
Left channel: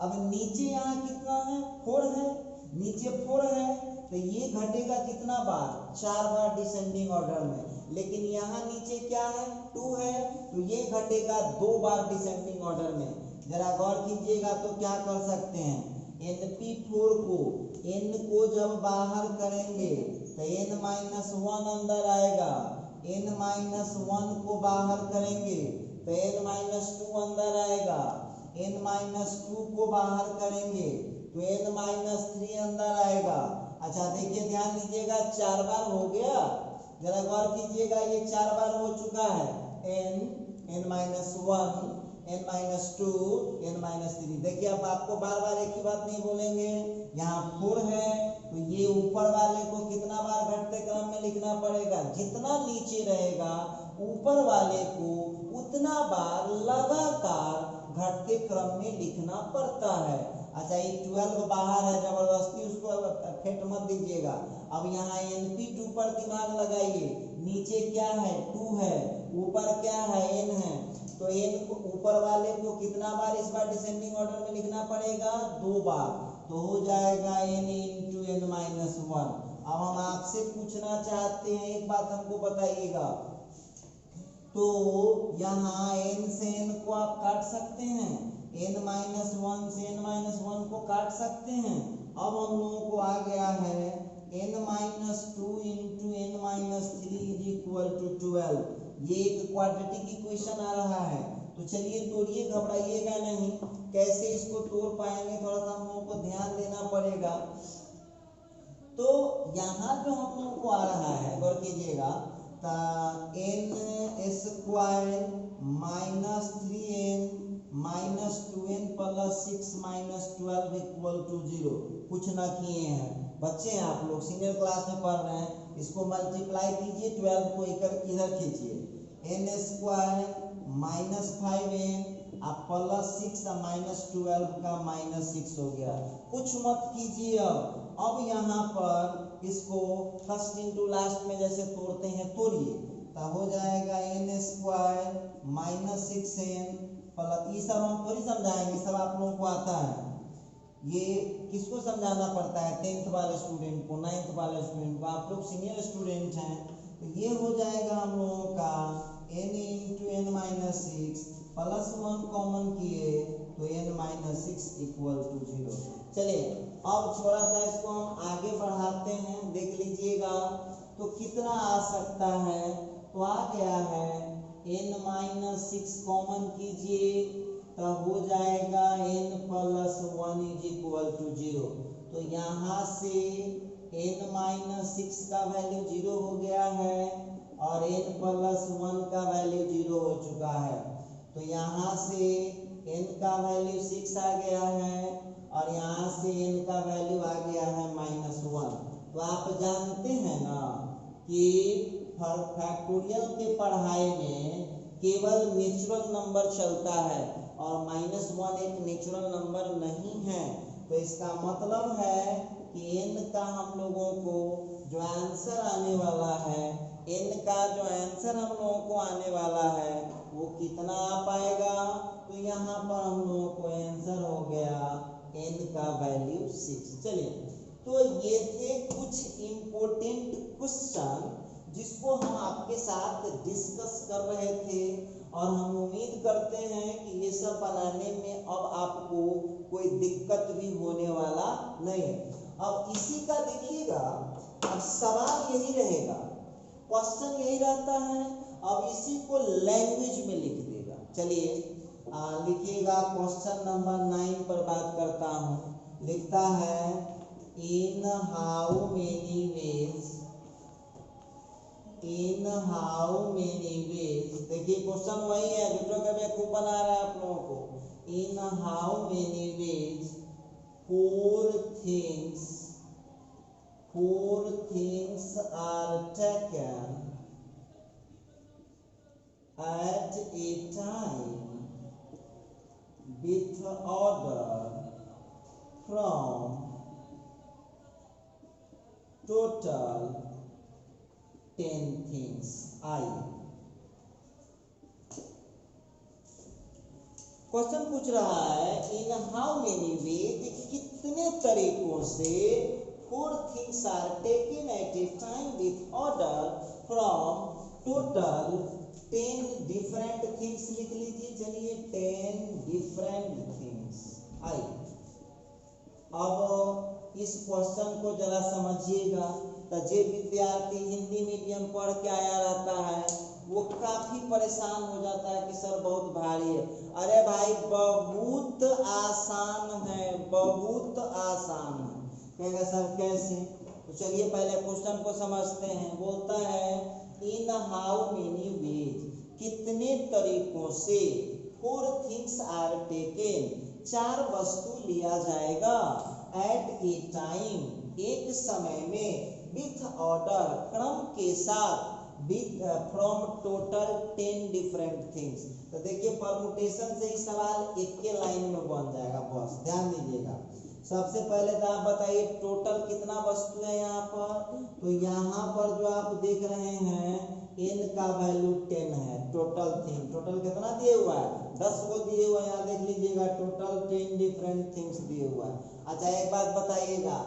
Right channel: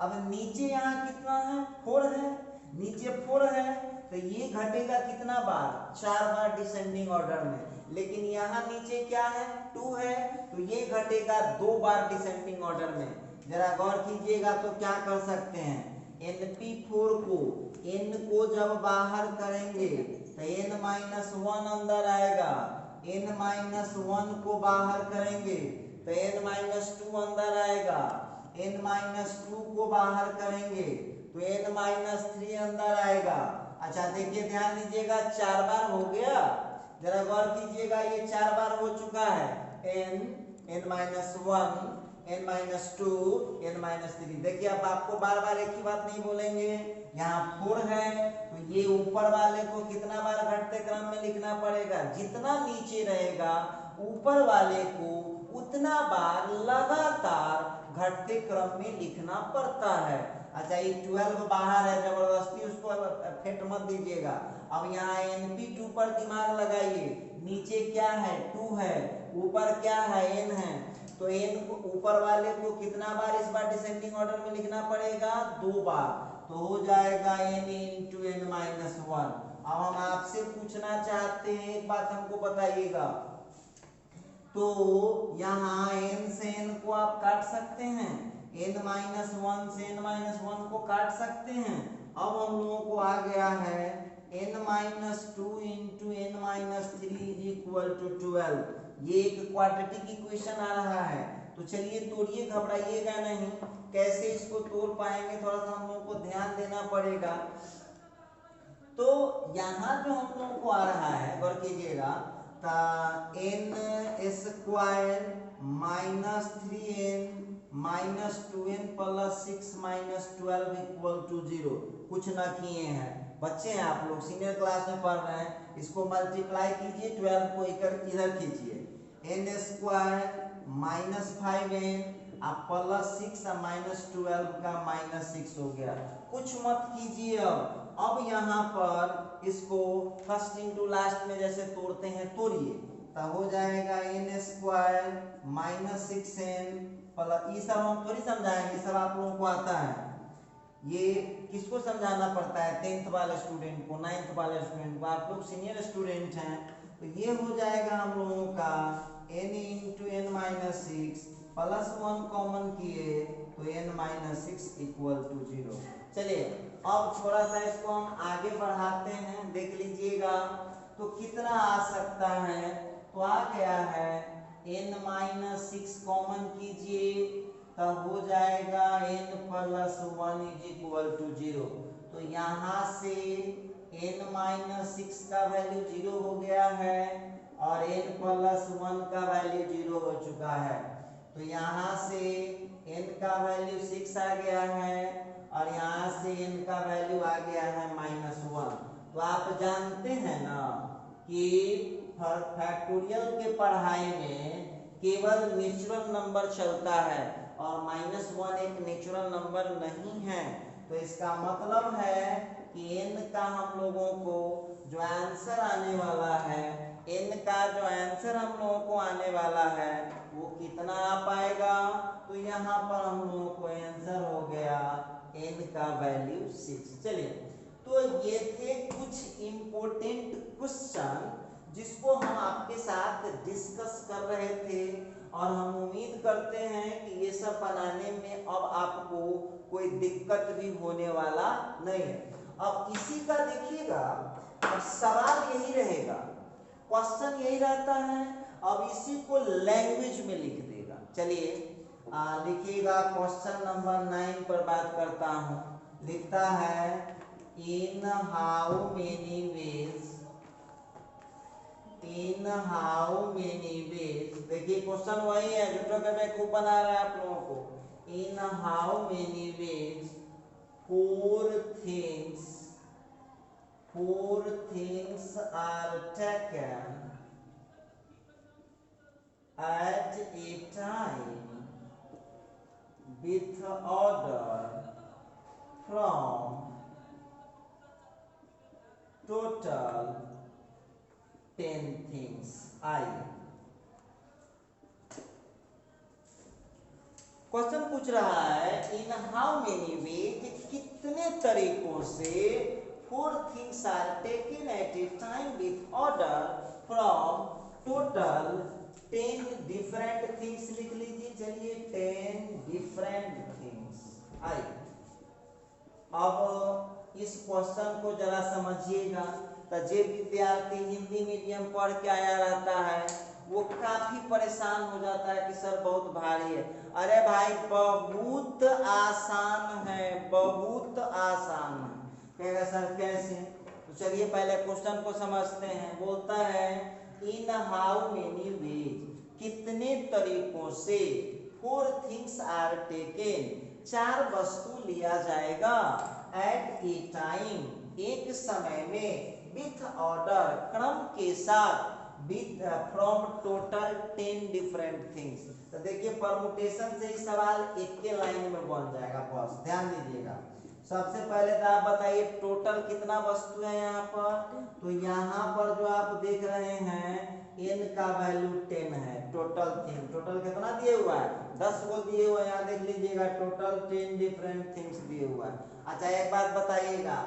अब नीचे यहाँ कितना है? 4 है, नीचे 4 है तो ये घटेगा कितना बार? 4 बार डिसेंडिंग ऑर्डर में। लेकिन यहाँ नीचे क्या है? 2 है तो ये घटेगा 2 बार डिसेंडिंग ऑर्डर में। जरा गौर कीजिएगा तो क्या कर सकते हैं? np4 को n को जब बाहर करेंगे तो n-1 अंदर आएगा, n-1 को बाहर करेंगे तो n-2 अंदर आएगा, n-2 को बाहर करेंगे तो n-3 अंदर आएगा। अच्छा देखिए ध्यान दीजिएगा, 4 बार हो गया। जरा गौर कीजिएगा, ये 4 बार हो चुका है। n-1, n-2, n-3। देखिए अब आपको बार बार एक ही बात नहीं बोलेंगे। यहाँ 4 है तो ये ऊपर वाले को कितना बार घटते क्रम में लिखना पड़ेगा? जितना नीचे रहेगा ऊपर वाले को उतना बार लगातार घटते क्रम में लिखना पड़ता है। अच्छा, ये 12 बाहर है, जबरदस्ती उसको फेंट मत दीजिएगा। अब यहाँ NP2 पर दिमाग लगाइए, नीचे क्या है 2 है, ऊपर क्या है n है, तो n को ऊपर वाले को कितना बार इस बार डिसेंडिंग ऑर्डर में लिखना पड़ेगा 2 बार, तो हो जाएगा n इंटू n माइनस 1। अब हम आपसे पूछना चाहते हैं, एक बात हमको बताइएगा, तो यहाँ n से n को आप काट सकते हैं, n माइनस 1 से n माइनस 1 को काट सकते हैं। अब हम लोगों को आ गया है n minus 2 into n minus 3 is equal to 12। ये एक क्वाड्रेटिक इक्वेशन आ रहा है, तो चलिए तोड़िए, घबराइएगा नहीं। कैसे इसको तोड़ पाएंगे, थोड़ा सा हम लोगों को ध्यान देना पड़ेगा। तो यहाँ जो हम लोगों को आ रहा है, गौर कीजिएगा, n square minus 3n minus 2n plus 6 minus 12 equal to 0। कुछ ना किए हैं, बच्चे हैं आप लोग, सीनियर क्लास में पढ़ रहे हैं। इसको मल्टीप्लाई कीजिए, 12 को इधर खींचिए, n स्क्वायर माइनस 5n आप प्लस 6 माइनस 12 का माइनस 6 हो गया। कुछ मत कीजिए। अब यहाँ पर इसको फर्स्ट इंटू लास्ट में जैसे तोड़ते हैं तोड़िए, तो हो जाएगा n square minus 6n plus, ये सब हम थोड़ी समझाएंगे, सब आप लोगों को आता है। ये किसको समझाना पड़ता है, 10th वाले स्टूडेंट को, 9th वाले स्टूडेंट को, आप लोग सीनियर स्टूडेंट हैं। तो ये हो जाएगा हम लोगों का n into n minus 6 plus 1 common किए तो n माइनस 6 इक्वल टू 0। चलिए अब थोड़ा सा इसको हम आगे बढ़ाते हैं, देख लीजिएगा तो कितना आ सकता है। तो आ गया है n माइनस 6 कॉमन कीजिए तो हो जाएगा n plus 1 is equal to 0। तो यहाँ से n माइनस 6 का वैल्यू 0 हो गया है और n प्लस 1 का वैल्यू 0 हो चुका है। तो यहाँ से n का वैल्यू 6 आ गया है और यहाँ से n का वैल्यू आ गया है माइनस 1। तो आप जानते हैं ना कि फैक्टोरियल के पढ़ाई में केवल नेचुरल नंबर चलता है और माइनस 1 एक नेचुरल नंबर नहीं है। तो इसका मतलब है कि n का हम लोगों को जो आंसर आने वाला है, n का जो आंसर हम लोगों को आने वाला है वो कितना आ पाएगा। तो यहाँ पर हम लोगों को आंसर हो गया n का वैल्यू 6। चलिए, तो ये थे कुछ इम्पोर्टेंट क्वेश्चन जिसको हम आपके साथ डिस्कस कर रहे थे और हम उम्मीद करते हैं कि ये सब बनाने में अब आपको कोई दिक्कत भी होने वाला नहीं है। अब इसी का देखिएगा, अब सवाल यही रहेगा, क्वेश्चन यही रहता है, अब इसी को लैंग्वेज में लिख देगा। चलिए लिखिएगा, क्वेश्चन नंबर 9 पर बात करता हूँ। लिखता है in how many ways, in how many ways, देखिए क्वेश्चन वही है, झूठो के बेवकूफ बना रहा है आप लोगों को। In how many ways four things are taken at a time with order from total 10 things। आइए क्वेश्चन पूछ रहा है इन हाउ मेनी वेज, कितने तरीकों से 4 things are taken at a time with order from total 10 different things। लिख लीजिए, चलिए 10 different things। आइए अब इस क्वेश्चन को जरा समझिएगा। तो जो विद्यार्थी हिंदी मीडियम पढ़ के आया रहता है वो काफी परेशान हो जाता है कि सर बहुत भारी है। अरे भाई बहुत आसान है, बहुत आसान है। कहेगा सर कैसे, तो चलिए पहले क्वेश्चन को समझते हैं। बोलता है इन हाउ मेनी वेज, कितने तरीकों से 4 things are taken, 4 वस्तु लिया जाएगा एट ए टाइम, एक समय में, विथ ऑर्डर क्रम के साथ, with from total 10 different things. तो देखिए परमुटेशन से ही सवाल एक के लाइन में बन जाएगा, बस ध्यान दीजिएगा। सबसे पहले तो आप बताइए टोटल कितना वस्तु है यहाँ पर। तो यहाँ पर जो आप देख रहे हैं n का वैल्यू 10 है। टोटल थिंग, टोटल कितना दिए हुआ है, 10 को दिए हुआ है। यहाँ देख लीजिएगा टोटल 10 डिफरेंट थिंग्स दिए हुआ है। अच्छा एक बात बताइएगा,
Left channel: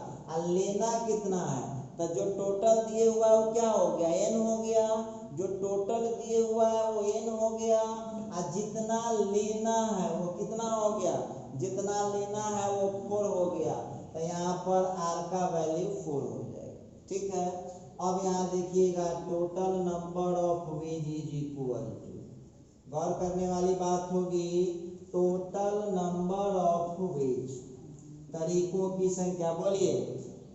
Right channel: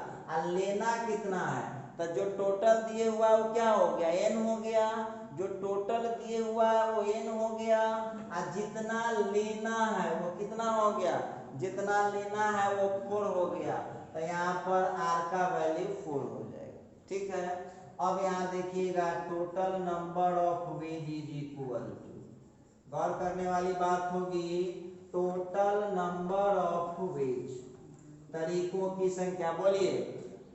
लेना कितना है। तो जो टोटल दिए हुआ है वो क्या हो गया, n हो गया। जो टोटल दिए हुआ है वो n हो गया, और जितना लेना है वो कितना हो गया, जितना लेना है वो 4 हो गया। तो यहाँ पर r का वैल्यू 4 हो जाएगा, ठीक है। अब यहाँ देखिएगा total number of ways is equal to, गौर करने वाली बात होगी, टोटल नंबर ऑफ वेज, तरीकों की संख्या, बोलिए।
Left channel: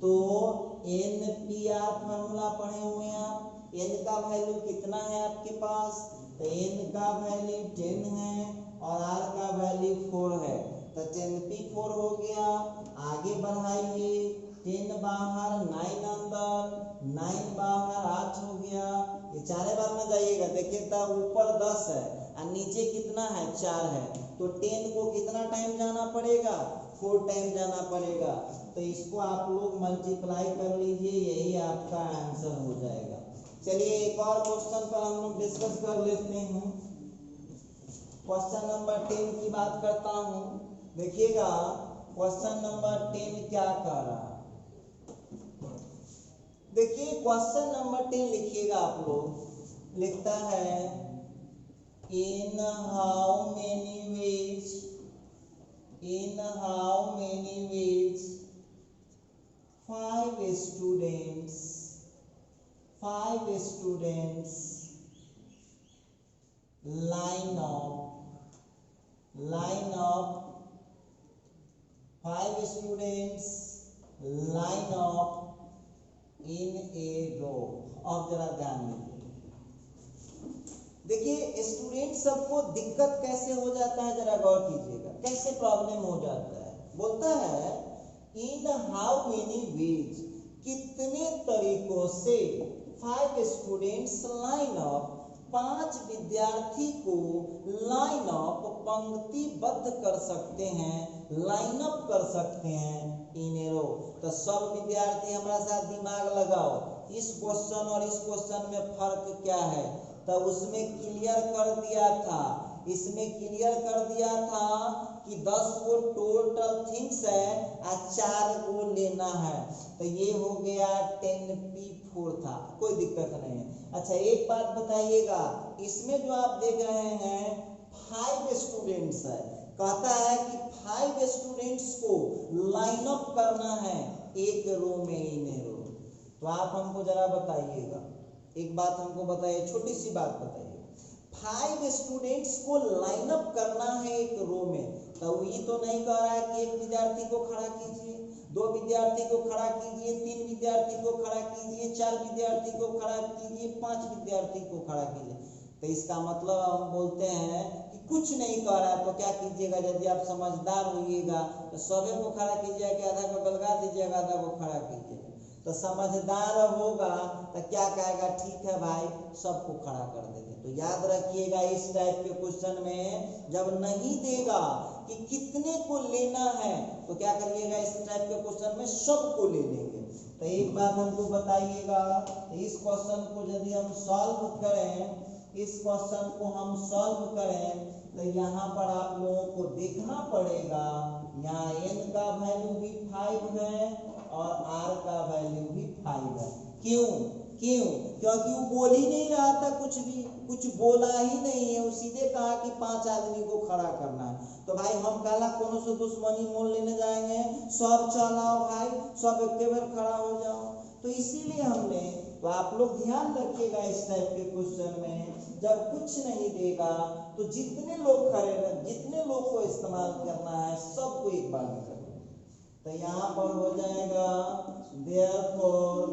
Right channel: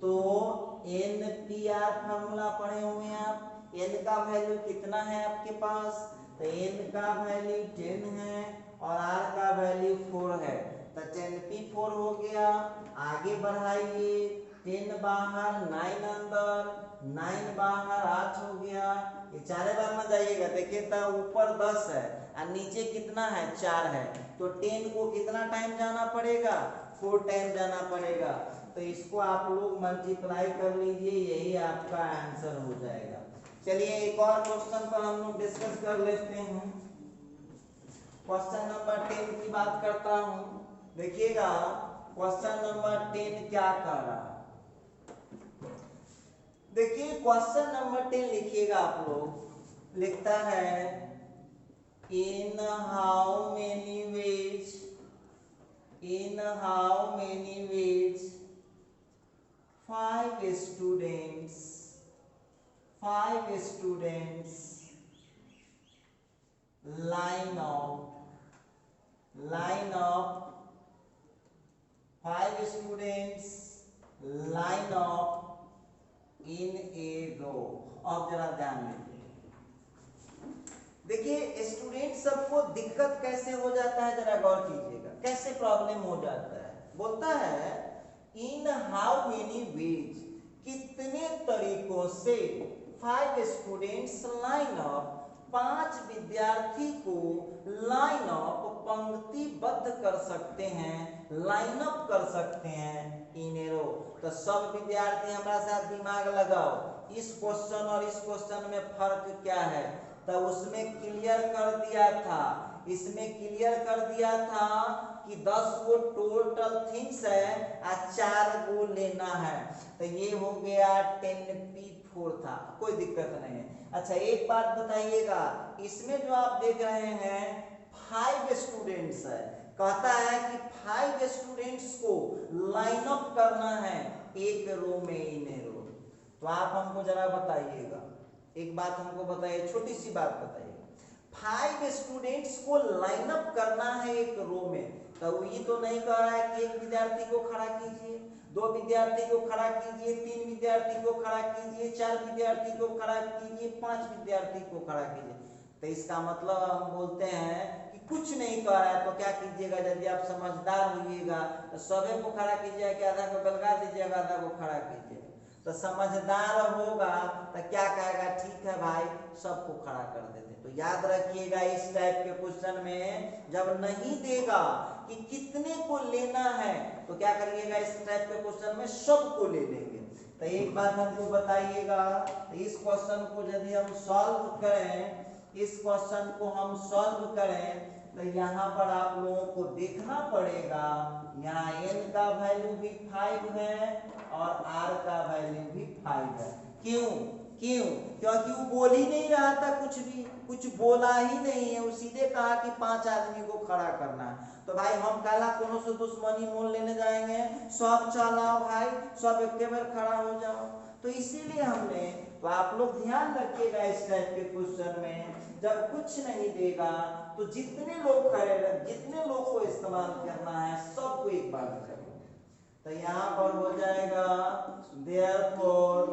तो NPR फॉर्मूला पढ़े हुए हैं आप, n का वैल्यू कितना है आपके पास, तो n का वैल्यू 10 है और r का वैल्यू 4 है। तो 10p4 हो गया। आगे बढ़ाइए, 10 बाहर 9 अंदर, 9 बाहर 8 हो गया। ये चारे बार ना जाइएगा, देखिए तो ऊपर 10 है और नीचे कितना है 4 है। तो 10 को कितना टाइम जाना पड़ेगा, 4 टाइम जाना पड़ेगा। तो इसको आप लोग मल्टीप्लाई कर लीजिए, यही आपका आंसर हो जाएगा। चलिए एक और क्वेश्चन पर हम लोग डिस्कस कर लेते हैं। क्वेश्चन नंबर 10 की बात करता हूं, देखिएगा क्वेश्चन नंबर 10 क्या कह रहा है। देखिए क्वेश्चन नंबर 10 लिखिएगा आप लोग, लिखता है in how many ways, in how many ways 5 students line up in a row। अब जरा ध्यान दीजिए, देखिए स्टूडेंट सबको दिक्कत कैसे हो जाता है, जरा गौर कीजिएगा, कैसे प्रॉब्लम हो जाता है। बोलता है इन हाउ मेनी वेज, कितने तरीकों से 5 स्टूडेंट्स लाइन अप, 5 विद्यार्थी को लाइन अप, पंक्तिबद्ध कर सकते हैं, लाइन अप कर सकते हैं इन ए रो। तो सब विद्यार्थी हमारे साथ दिमाग लगाओ, इस क्वेश्चन और इस क्वेश्चन में फर्क क्या है। तो उसमें क्लियर कर दिया था, इसमें क्लियर कर दिया था कि 10 गो टोटल थिंग्स है और 4 गो लेना है। तो ये हो गया 10p4 था, कोई दिक्कत नहीं है। अच्छा एक बात बताइएगा, इसमें जो आप देख रहे हैं 5 स्टूडेंट्स है, कहता है कि 5 स्टूडेंट्स को लाइन अप करना है एक रो में, इन रो। तो आप हमको जरा बताइएगा, एक बात हमको बताइए, छोटी सी बात बताइए, 5 स्टूडेंट्स को लाइन अप करना है एक रो में। तो ये तो नहीं कह रहा है कि एक विद्यार्थी को खड़ा कीजिए, 2 विद्यार्थी को खड़ा कीजिए, 3 विद्यार्थी को खड़ा कीजिए, 4 विद्यार्थी को खड़ा कीजिए, 5 विद्यार्थी को खड़ा कीजिए। तो इसका मतलब हम बोलते हैं कि कुछ नहीं कह रहा है। तो क्या कीजिएगा, यदि आप समझदार होइएगा तो सभी को खड़ा कीजिएगा कि आधा को गलगा दीजिएगा, आधा को खड़ा कीजिएगा। तो समझदार होगा तो क्या कहेगा, ठीक है भाई सबको खड़ा कर देते। तो याद रखिएगा इस टाइप के क्वेश्चन में जब नहीं देगा कि कितने को लेना है तो क्या करिएगा, इस टाइप के क्वेश्चन में सबको ले लेंगे। तो एक बात हमको बताइएगा, तो इस क्वेश्चन को यदि हम सॉल्व करें, इस क्वेश्चन को हम सॉल्व करें तो यहाँ पर आप लोगों को देखना पड़ेगा, यहाँ n का वैल्यू भी 5 है और r का वैल्यू भी 5 है। क्यों क्यों? क्योंकि वो बोल ही नहीं रहा था, कुछ भी कुछ बोला ही नहीं है, वो सीधे कहा कि 5 आदमी को खड़ा करना है। तो भाई हम काला कोनो से दुश्मनी मोल लेने जाएंगे, सब चलाओ भाई, सब एक बार खड़ा हो जाओ। तो इसीलिए हमने, तो आप लोग ध्यान रखिएगा इस टाइप के क्वेश्चन में जब कुछ नहीं देगा तो जितने लोग खड़े, जितने लोग को इस्तेमाल करना है सबको एक बार में करेंगे। तो यहाँ पर हो जाएगा therefore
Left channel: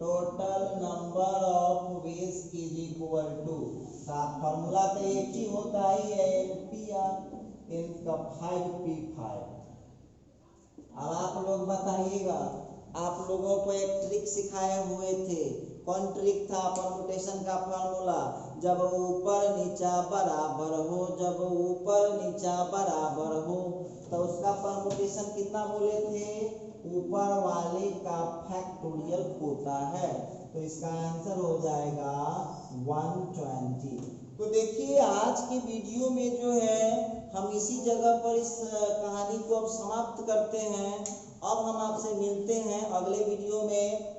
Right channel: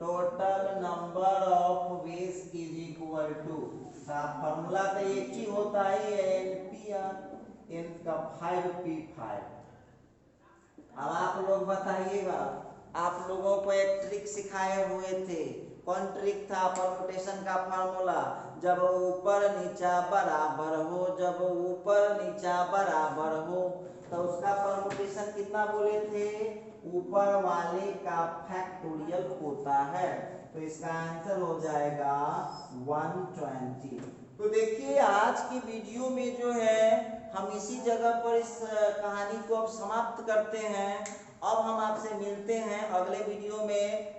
total number of ways is equal to, formula तो एक ही होता है NPR, n का 5p5। अब आप लोग बताइएगा आप लोगों को एक ट्रिक सिखाए हुए थे। कौन ट्रिक था? परमुटेशन का फार्मूला, जब ऊपर नीचा बराबर हो, जब ऊपर नीचा बराबर हो, तो उसका परमुटेशन कितना बोले थे? ऊपर वाले का फैक्टोरियल होता है। तो इसका आंसर हो जाएगा 120। तो देखिए आज की वीडियो में जो है हम इसी जगह पर इस कहानी को अब समाप्त करते हैं। अब हम आपसे मिलते हैं अगले वीडियो में।